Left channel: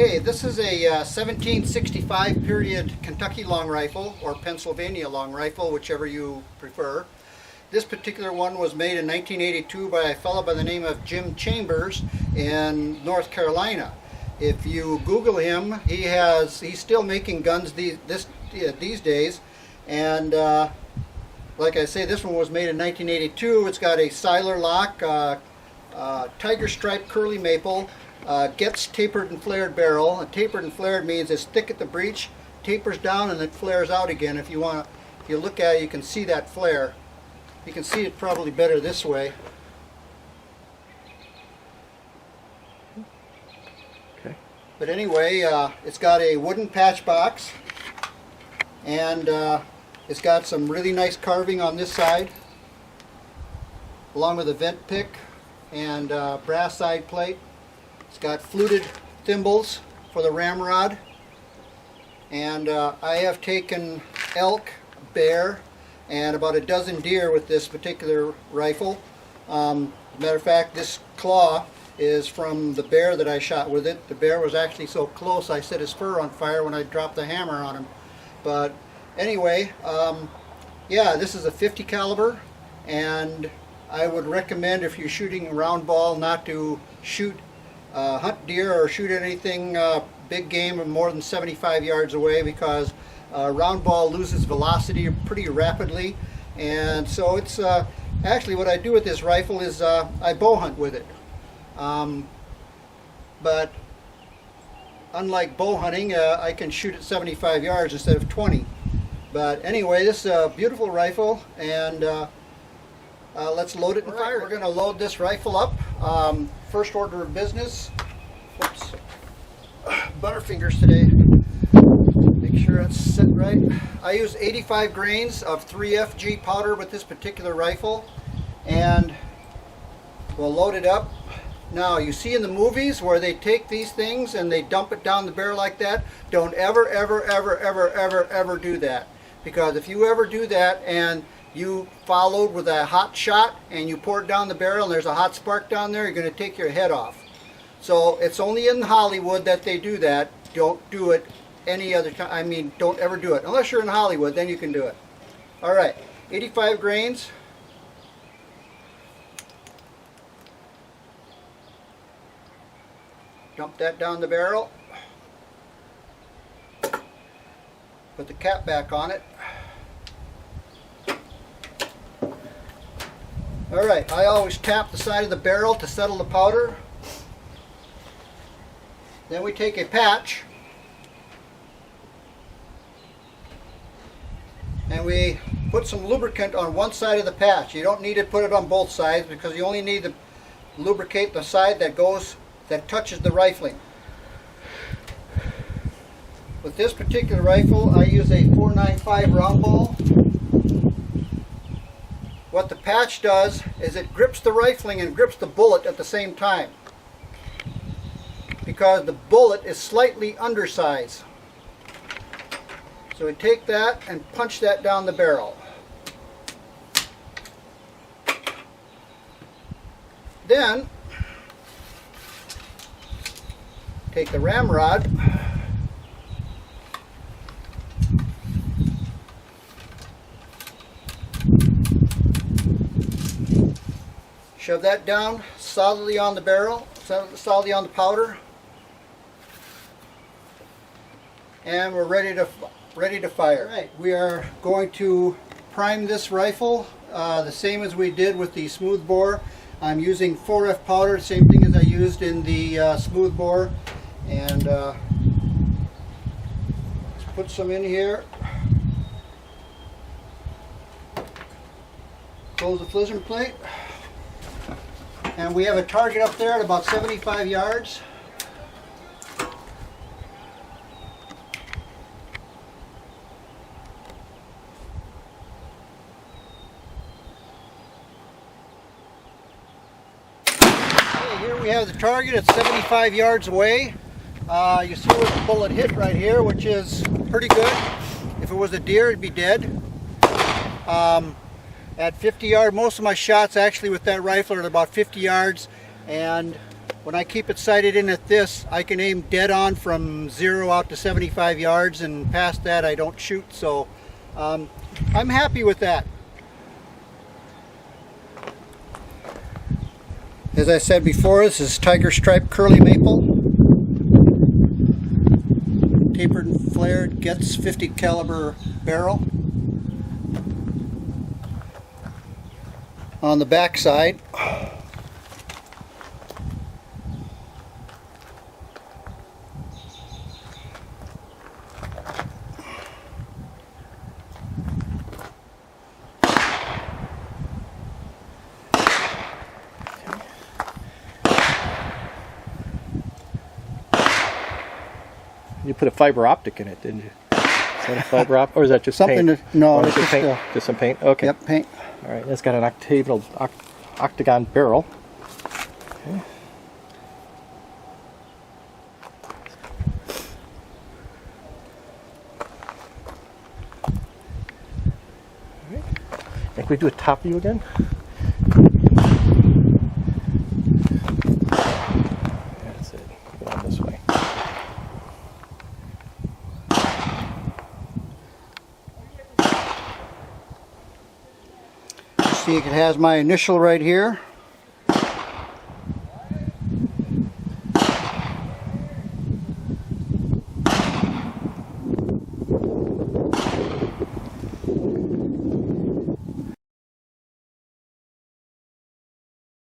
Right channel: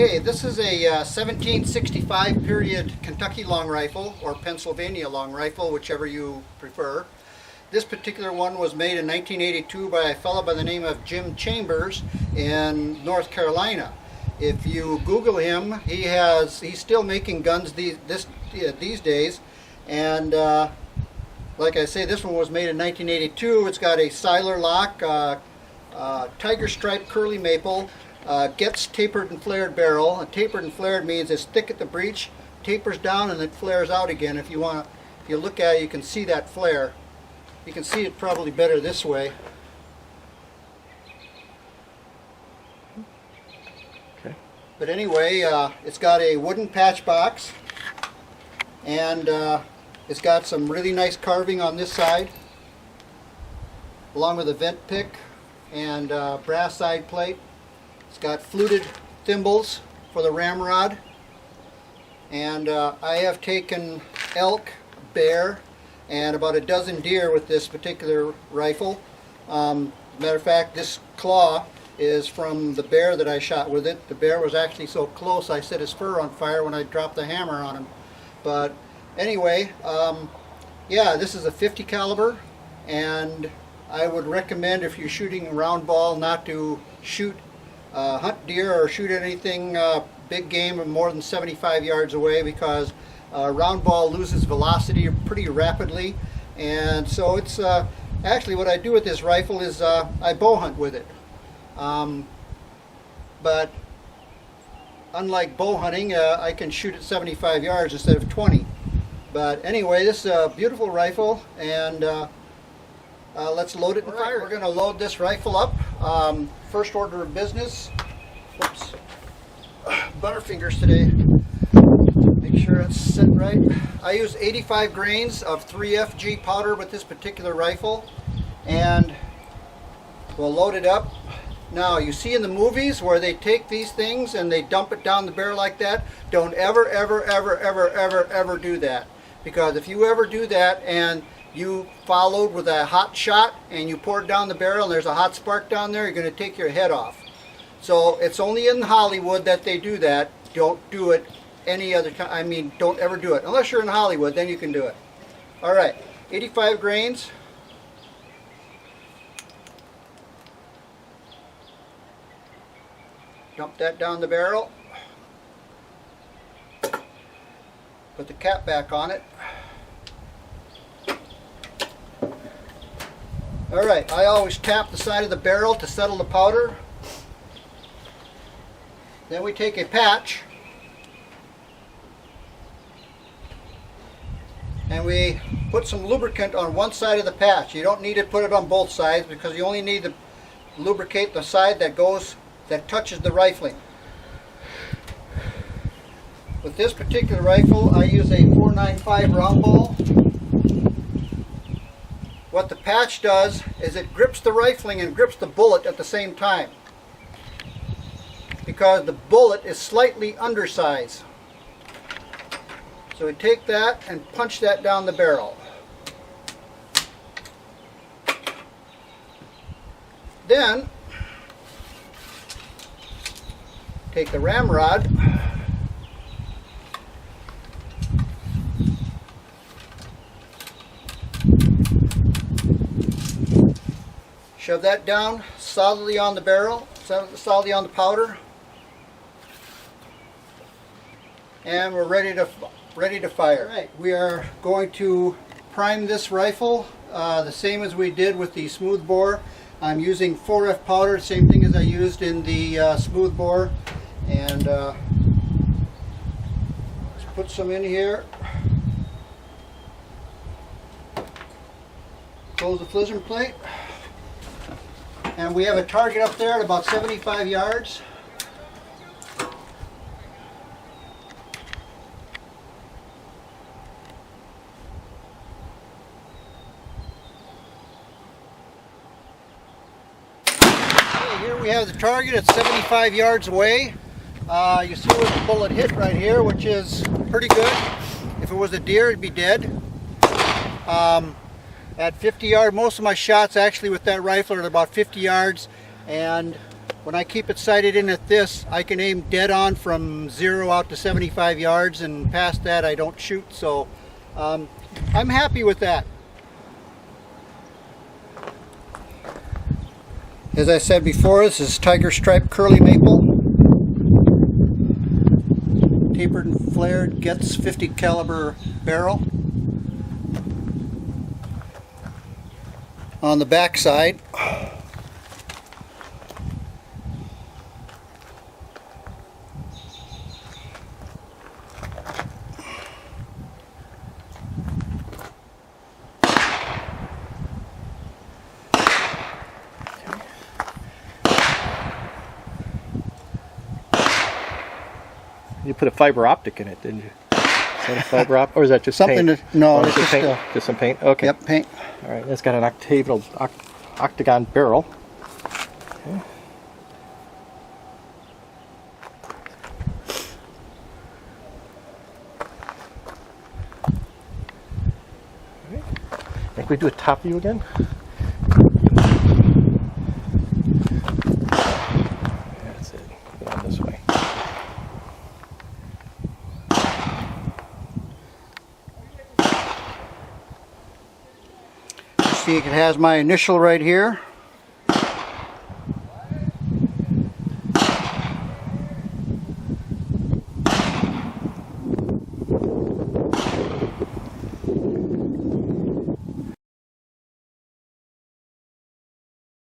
Okay, this is a 1765 period Kentucky long rifle or Pennsylvania long rifle, whichever you prefer. This particular one was made in 1982 by a fellow by the name of Jim Chambers in North Carolina. If you Google him, he's still making guns these days, and like I say, this one was made in 1982. It's got a Siler lock, tiger stripe curly maple, gets tapered and flared barrel. And tapered and flared means it's thick at the breech, tapers down, and it flares out again. If you look at it, you can see that flare. You can see it probably better this way. Okay. But anyway, it's got a wooden patch box, and it's got some really nice carving on this side, along with a vent pick and brass side plate. It's got fluted thimbles for the ramrod, and I have taken elk, bear, and about a dozen deer with this particular rifle. As a matter of fact, this claw is from the bear that I shot with it. The bear was actually so close I set his fur on fire when I dropped the hammer on him. But anyway, yeah, this is a 50 caliber, and I would recommend, if you're shooting a round ball, not to hunt deer or shoot anything big game more than 75 yards away, because round ball loses velocity pretty rapidly. And so it's actually what I do with this rifle is I bow hunt with it. But unlike bow hunting, I can shoot at 75 yards instead of 20. But anyway, this is a beautiful rifle, and let's load it and fire it. We're going to load this rifle up. First order of business. Whoops. Butterfingers today. Make sure it's set right. I use 85 grains of 3FG powder with this particular rifle, and we'll load it up. Now, you see in the movies where they take these things and they dump it down the barrel like that. Don't ever, ever, ever, ever, ever, ever do that. Because if you ever do that and you followed with a hot shot and you pour it down the barrel and there's a hot spark down there, you're going to take your head off. So it's only in Hollywood that they do that. Don't do it any other time. I mean, don't ever do it. Unless you're in Hollywood, then you can do it. All right, 85 grains. Dump that down the barrel. Put the cap back on it. All right, I always tap the side of the barrel to settle the powder. Then we take a patch and we put some lubricant on one side of the patch. You don't need to put it on both sides, because you only need to lubricate the side that touches the rifling. With this particular rifle, I use a 495 round ball. What the patch does is it grips the rifling and grips the bullet at the same time, because the bullet is slightly undersized. So we take that and punch that down the barrel. Then take the ramrod, shove that down solidly on the barrel, solidly on the powder, and we're ready to fire. All right, we are going to prime this rifle the same as we did with the smooth bore. I'm using 4F powder, same thing as I used in the smooth bore, and let's put some in here. Close the flizzing plate. And we have a target up there at about 75 yards. Okay, here we have the target at 75 yards away. You see where the bullet hit right here, which is pretty good. If it was a deer, it'd be dead. At 50 yards, most of my shots actually with that rifle are at about 50 yards, and when I keep it sighted in at this, I can aim dead on from 0 out to 75 yards, and past that I don't shoot, so I'm happy with that. As I said before, this is Tiger Stripe Curly Maple. Tapered and flared, gets 50 caliber barrel. On the back side, you put a fiber optic in it, didn't you? Is that a fiber optic, or is that just something paint? no, it's just paint. Just some paint. Okay. Yep, paint. All right. It's got an octagon barrel. Okay. All right. Think we do a top view again? That's it. Go on this way. See, it has my initial right here.